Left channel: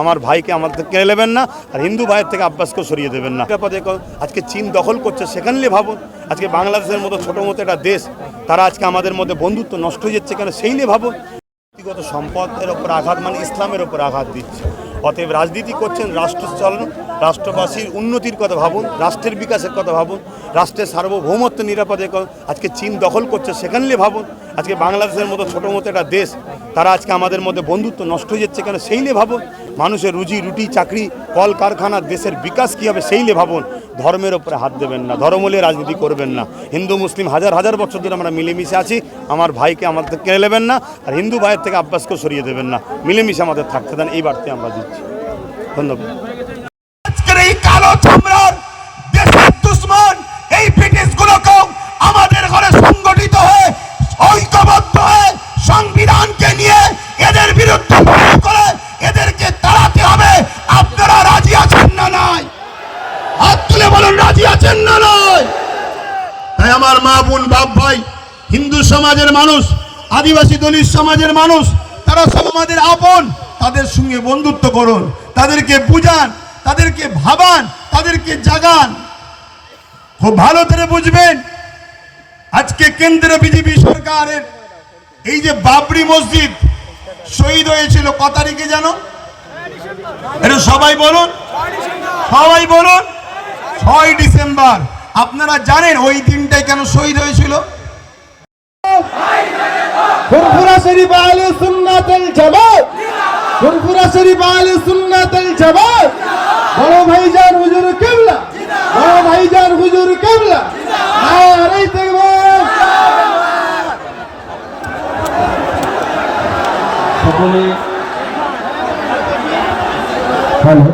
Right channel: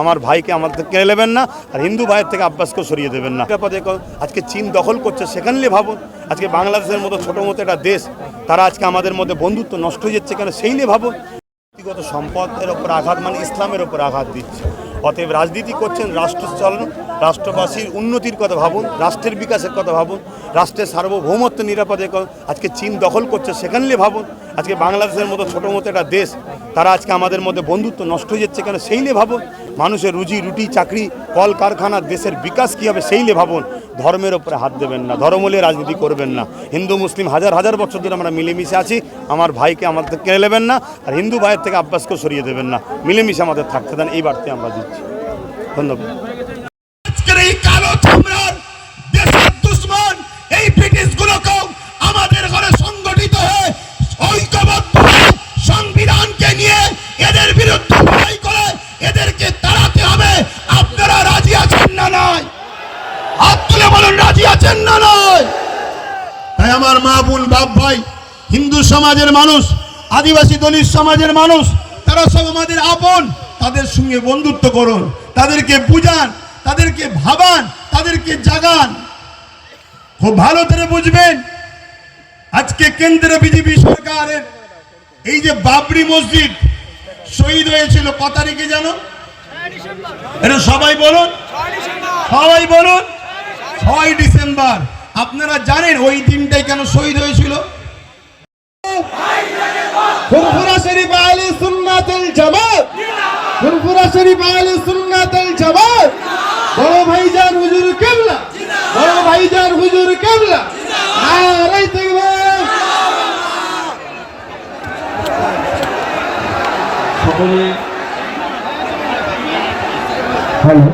আমার ভাইকে আমার থেকে কেড়ে নেবেন না, আর হিন্দু ভাইয়ের থেকে আব্বাসকেও সরিয়ে দেবেন না। আজকে চীন দখল করছে সেখানে ভাবুন। আজকে বাংলাদেশের মতো ছোটো মতো একটা দেশ, তারা আজকে আমাদের মধ্যে বন্ধুত্ব নষ্ট হয়ে যাচ্ছে কেন সেই নিয়ে ভাবুন। ব্যক্তিগত সম্পদের ওপর আঘাত মানে ইসলামের ওপর আঘাত দিচ্ছে। অতএব রাজনীতি করছেন, রাষ্ট্র চলন রাষ্ট্রবাসীর উন্নতির কথা ভাবুন, রাষ্ট্রের বিকাশের কথা ভাবুন, রাষ্ট্রের সার্বভৌমত্ব নিরাপদে আজকে চীন দখল করছে সেখানে নিয়ে ভাবুন, আজকে বাংলাদেশের মতো ছোটো মতো একটা দেশ, তারা আজকে আমাদের মধ্যে বন্ধুত্ব নষ্ট হয়ে যাচ্ছে কেন সেই নিয়ে ভাবুন, মানুষের রুজি, রুটি, চাকরি কল কারখানা দেশের বিকাশ কী হবে সেই নিয়ে ভাবুন, ধর্মের ওপরে হাত দেবেন না ধর্ম নিয়ে রাজনীতি করবেন না, হিন্দু, মুসলিম হাজার হাজার বছর ধরে আমরা মিলেমিশে আছি, আমার ভাইকে থেকে কেড়ে নেবেন না, আর হিন্দু ভাইয়ের থেকে আব্বাসকেও সরিয়ে দেবেন না, মিলেমিশে আমাদের থাকতে দেন, এই বার্তায় আমরা দিচ্ছি, ধন্যবাদ। চামড়ার দেশের দুশ্মন এই ব্রিটিশ গুলোকেও আমাদের ঘরে সংগঠিত হয়ে ঐক্যবদ্ধ হয়ে সংবিধানকে নিয়ে এদের বিরুদ্ধে করে এদেরকে তাড়াতে হবে। আপনারা রাজি আছেন না নয় হাত তুলে বলুন, রাজি আছেন না নয় তাই আমার মা বোন, বাপ ভাই, হিন্দু সমাজের মানুষ, আদিবাসী দলিত সমাজের মানুষ, তারা সব আমাদের আপন। তাদের সঙ্গে বন্ধুত্ব করুন, তাদেরকে বুঝান, তাদেরকে ভাবান তাদেরকে জাগান। খুব ভালো করে বুঝবেন। আজকে কেন্দ্রে বিজেপি সরকারের এই যে বাবরি মসজিদ শহীদ হয়েছিল ক তারিখে জানো? এটা সবাই বলুন। সবাই বলুন। ছয় ডিসেম্বর। আপনারা জানেন ওই দিনটাই কেন শহীদ হয়েছিল? শরীফ বড় ভাইজান হুজুর কেবলা নারাই তাকবীর সকলে হ্যালো।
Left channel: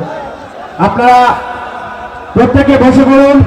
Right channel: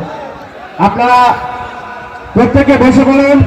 আপনারা প্রত্যেকে বসে পড়ুন।